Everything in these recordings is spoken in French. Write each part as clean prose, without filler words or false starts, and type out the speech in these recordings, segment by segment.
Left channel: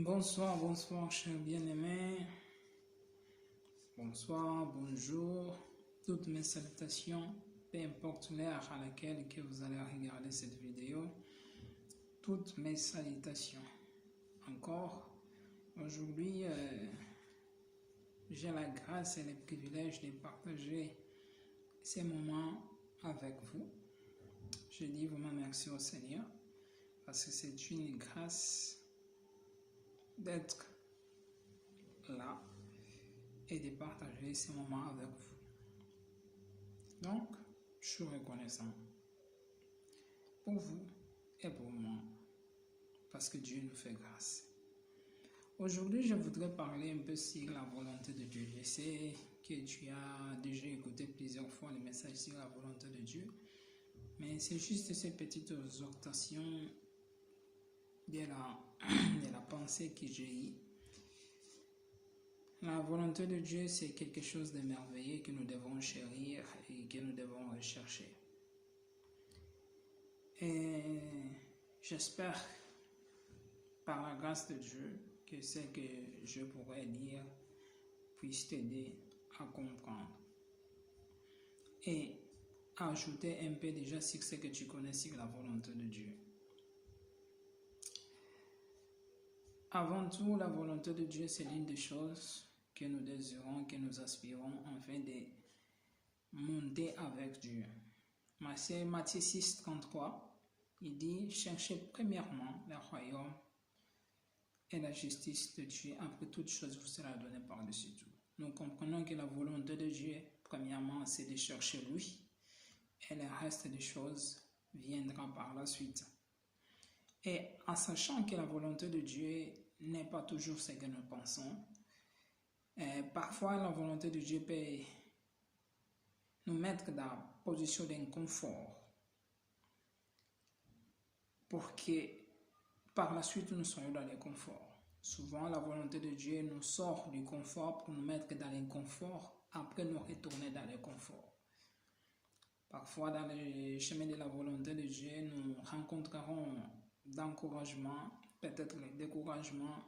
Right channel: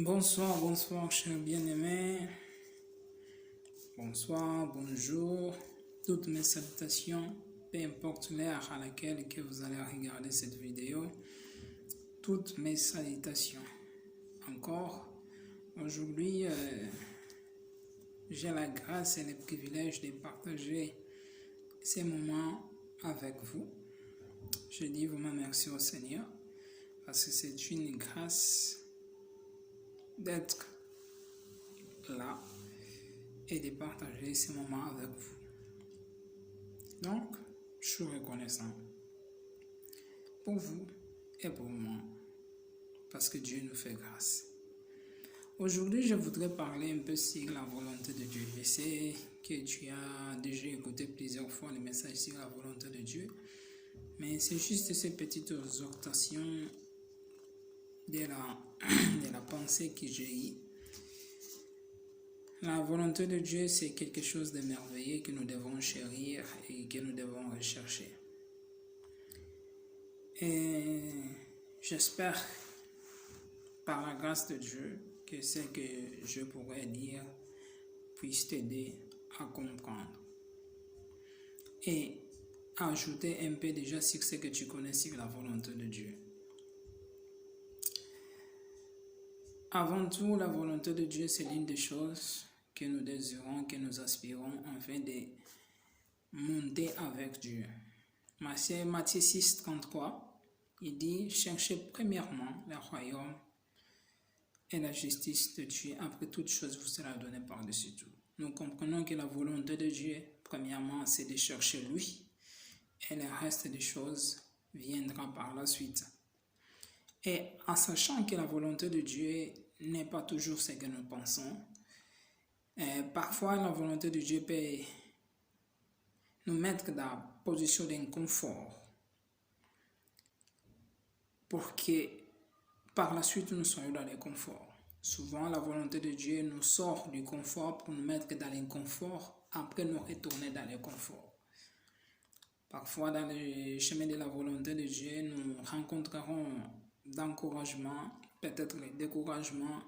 Bonsoir, bonsoir, chers bien-aimés. Bonsoir, bonjour. Toutes mes salutations, peu importe l'heure à laquelle que vous allez regarder cette vidéo. Toutes mes salutations. Encore, aujourd'hui, j'ai la grâce et le privilège de partager ces moments avec vous. Je dis vraiment merci au Seigneur parce que c'est une grâce d'être là et de partager ces moments avec vous. Donc, je suis reconnaissant pour vous et pour moi parce que Dieu nous fait grâce. Aujourd'hui, je voudrais parler un peu sur la volonté de Dieu. Je sais que tu as déjà écouté plusieurs fois le message sur la volonté de Dieu, mais c'est juste ces petites exhortations de la pensée que j'ai eue. La volonté de Dieu, c'est quelque chose de merveilleux que nous devons chérir et que nous devons rechercher. Et j'espère, par la grâce de Dieu, que ce que je pourrais dire puisse t'aider à comprendre et ajouter un peu déjà sur ce que tu connais sur la volonté de Dieu. Avant tout, la volonté de Dieu, c'est l'une des choses que nous désirons, que nous aspirons afin de monter avec Dieu. Matthieu 6, 33, il dit « Cherchez premièrement le royaume et la justice de Dieu. Après toute chose vous sera donnée par-dessus tout. » Nous comprenons que la volonté de Dieu, premièrement, c'est de chercher lui et le reste des choses viendra par la suite. Et en sachant que la volonté de Dieu n'est pas toujours ce que nous pensons, parfois la volonté de Dieu peut nous mettre dans la position d'inconfort pour que par la suite nous soyons dans le confort. Souvent la volonté de Dieu nous sort du confort pour nous mettre dans l'inconfort, après nous retourner dans le confort. Parfois dans le chemin de la volonté de Dieu, nous rencontrerons d'encouragement, peut-être le découragement,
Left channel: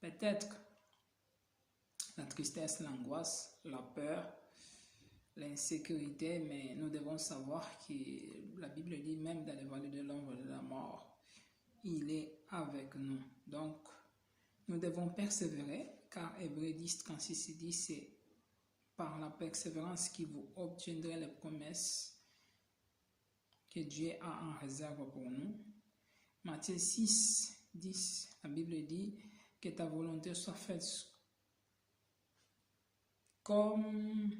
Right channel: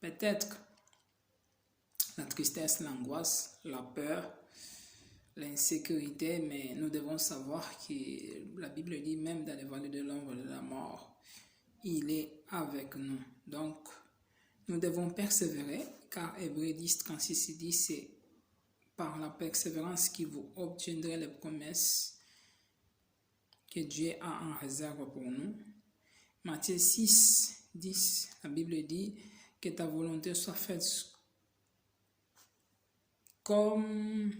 peut-être la tristesse, l'angoisse, la peur, l'insécurité, mais nous devons savoir que la Bible dit même dans les vallées de l'ombre de la mort, il est avec nous. Donc, nous devons persévérer, car Hébreux 10, 36 dit, c'est par la persévérance que vous obtiendrez les promesses que Dieu a en réserve pour nous. Matthieu 6, 10, la Bible dit que ta volonté soit faite comme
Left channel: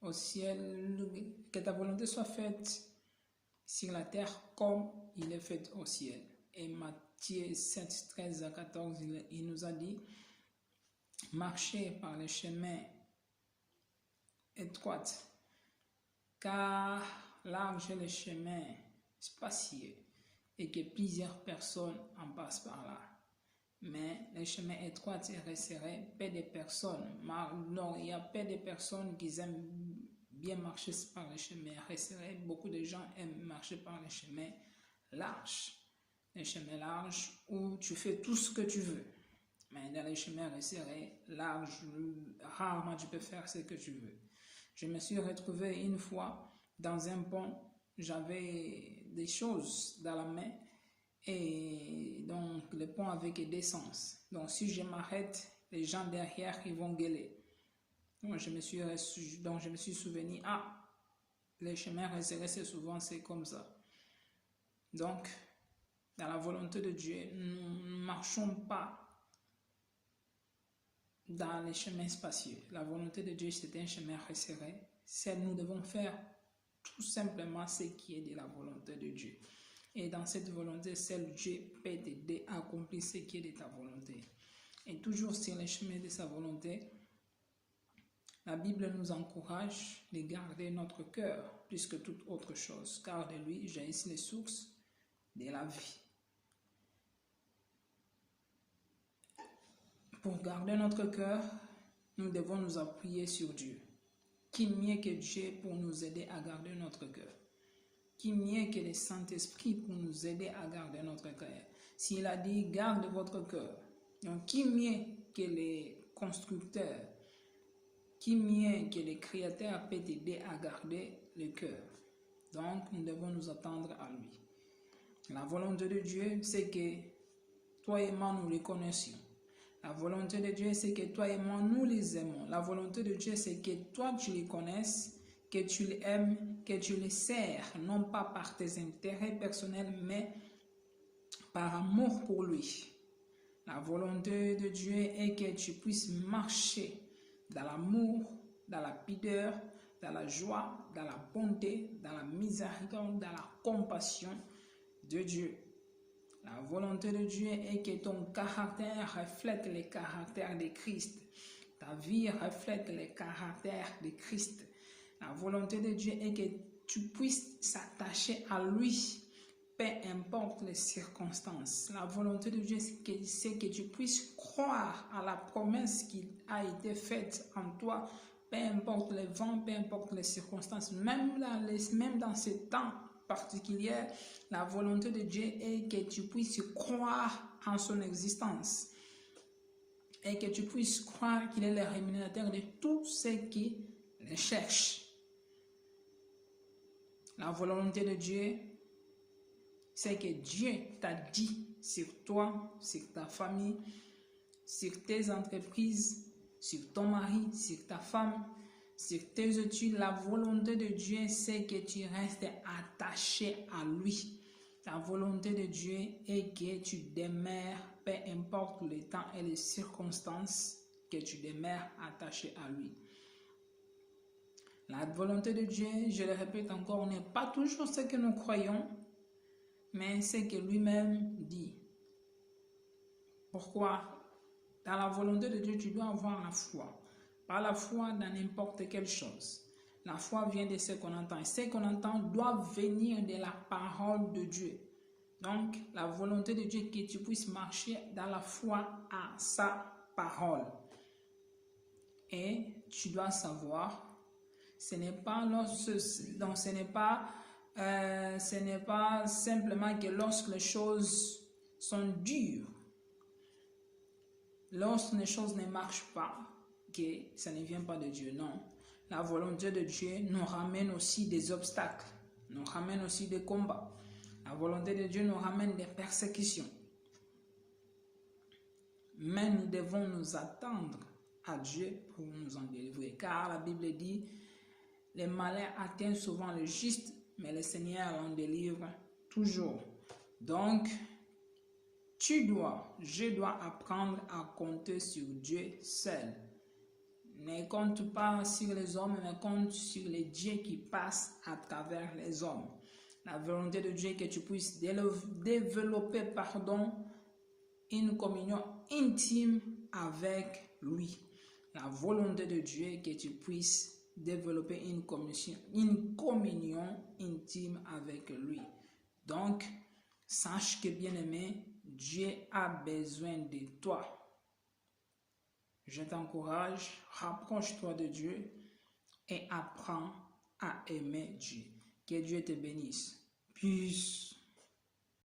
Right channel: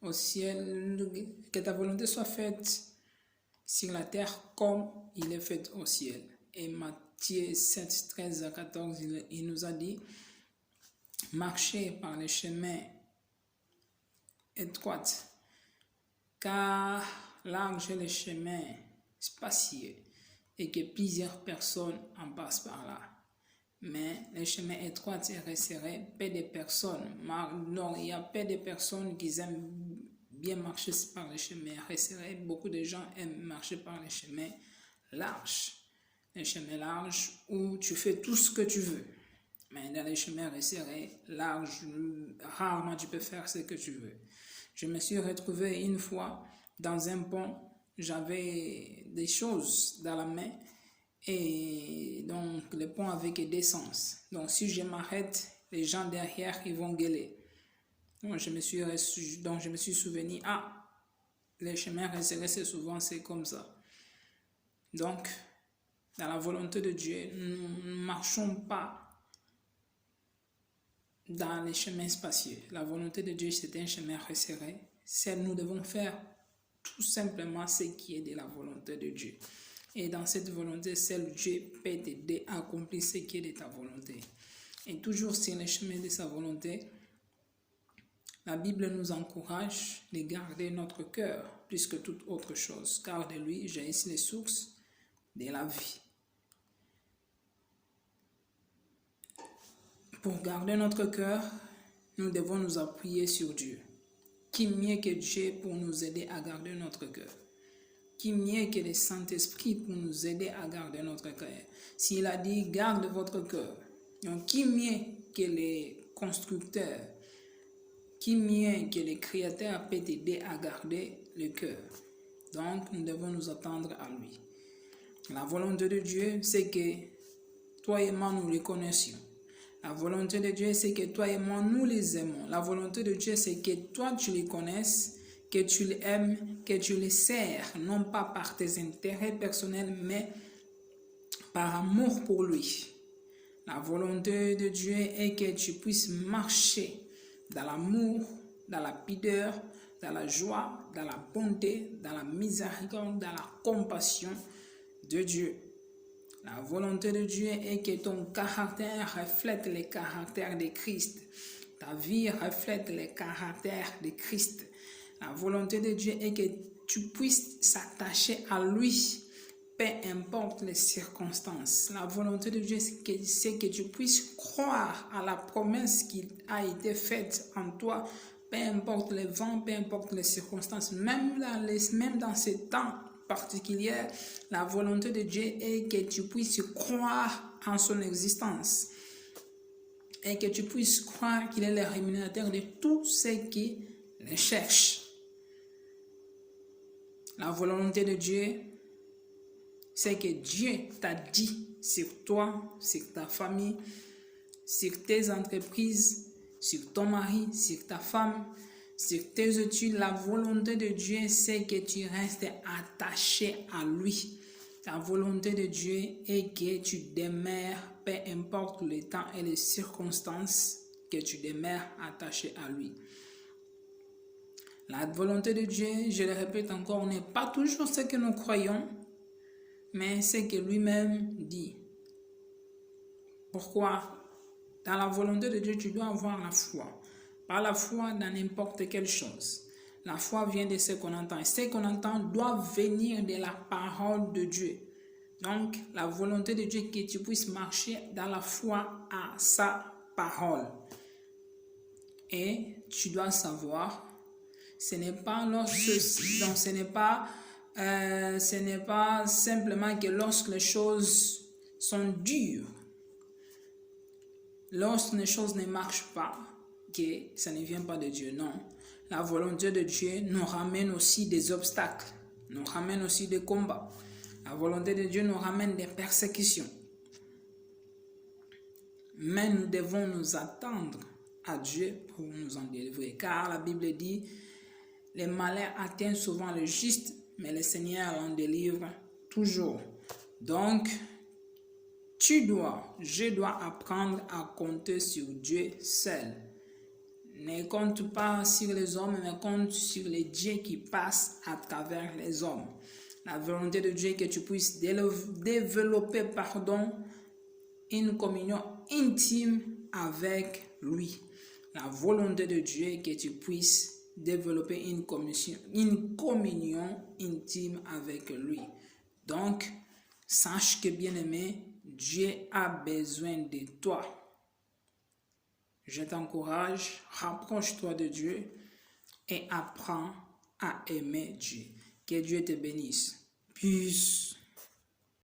au ciel, que ta volonté soit faite sur la terre comme il est fait au ciel. Et Matthieu 7, 13 à 14, il nous a dit, marchez par les chemins étroits, car large est le chemin spacieux et que plusieurs personnes en passent par là. Mais les chemins étroits et resserrés, peu de personnes. Non, il y a peu de personnes qui aiment bien marcher par les chemins resserrés. Beaucoup de gens aiment marcher par les chemins larges. Les chemins larges où tu fais tout ce que tu veux. Mais dans les chemins resserrés, larges, rarement tu peux faire ce que tu veux. Je me suis retrouvé une fois dans un pont. J'avais des choses dans la main. Et donc le pont avec des sens. Donc si je m'arrête, les gens derrière ils vont gueuler. Donc je me suis souvenu, les chemins resserrés c'est comme ça. Donc dans la volonté de Dieu, nous ne marchons pas dans les chemins spacieux. La volonté de Dieu c'est un chemin resserré. Nous devons faire tout simplement ce qui est de la volonté de Dieu. Et dans cette volonté, seul Dieu peut t'aider à accomplir ce qui est de ta volonté. Et toujours sur le chemin de sa volonté, la Bible nous encourage de garder notre cœur plus que toute autre chose, car de lui jaillissent les sources de la vie. Pour garder notre cœur, nous devons nous appuyer sur Dieu. Qui mieux que Dieu pour nous aider à garder notre cœur? Qui mieux que le Saint-Esprit pour nous aider à garder notre cœur? S'il a dit, garde votre cœur, Donc, qui mieux que les constructeurs, qui mieux que les créateurs peut t'aider à garder le cœur? Donc, nous devons nous attendre à lui. La volonté de Dieu, c'est que toi et moi, nous les connaissions. La volonté de Dieu, c'est que toi et moi, nous les aimons. La volonté de Dieu, c'est que toi, tu les connaisses, que tu les aimes, que tu les sers, non pas par tes intérêts personnels, mais par amour pour lui. La volonté de Dieu est que tu puisses marcher dans l'amour, dans la pudeur, dans la joie, dans la bonté, dans la miséricorde, dans la compassion de Dieu. La volonté de Dieu est que ton caractère reflète le caractère de Christ. Ta vie reflète le caractère de Christ. La volonté de Dieu est que tu puisses s'attacher à lui, peu importe les circonstances. La volonté de Dieu, c'est que tu puisses croire à la promesse qui a été faite en toi, peu importe les vents, peu importe les circonstances, même dans ces temps particuliers, la volonté de Dieu est que tu puisses croire en son existence et que tu puisses croire qu'il est le rémunérateur de tous ceux qui le cherchent. La volonté de Dieu, c'est que Dieu t'a dit sur toi, sur ta famille, sur tes entreprises, sur ton mari, sur ta femme, sur tes études. La volonté de Dieu, c'est que tu restes attaché à lui. La volonté de Dieu est que tu demeures, peu importe le temps et les circonstances, que tu demeures attaché à lui. La volonté de Dieu, je le répète encore, n'est pas toujours ce que nous croyons, mais ce que lui-même dit. Pourquoi? Dans la volonté de Dieu, tu dois avoir la foi. Pas la foi dans n'importe quelle chose. La foi vient de ce qu'on entend. Et ce qu'on entend doit venir de la parole de Dieu. Donc, la volonté de Dieu, que tu puisses marcher dans la foi à sa parole. Et tu dois savoir, ce n'est pas simplement que lorsque les choses sont dures, lorsque les choses ne marchent pas, que ça ne vient pas de Dieu. Non, la volonté de Dieu nous ramène aussi des obstacles, nous ramène aussi des combats. La volonté de Dieu nous ramène des persécutions. Mais nous devons nous attendre à Dieu pour nous en délivrer. Car la Bible dit, les malheurs atteignent souvent le juste, mais le Seigneur en délivre toujours. Donc, je dois apprendre à compter sur Dieu seul. Ne compte pas sur les hommes, mais compte sur les dieux qui passent à travers les hommes. La volonté de Dieu est que tu puisses développer, une communion intime avec lui. La volonté de Dieu est que tu puisses développer une communion intime avec lui. Donc, sache que, bien-aimé, Dieu a besoin de toi. Je t'encourage, rapproche-toi de Dieu et apprends à aimer Dieu. Que Dieu te bénisse. Peace.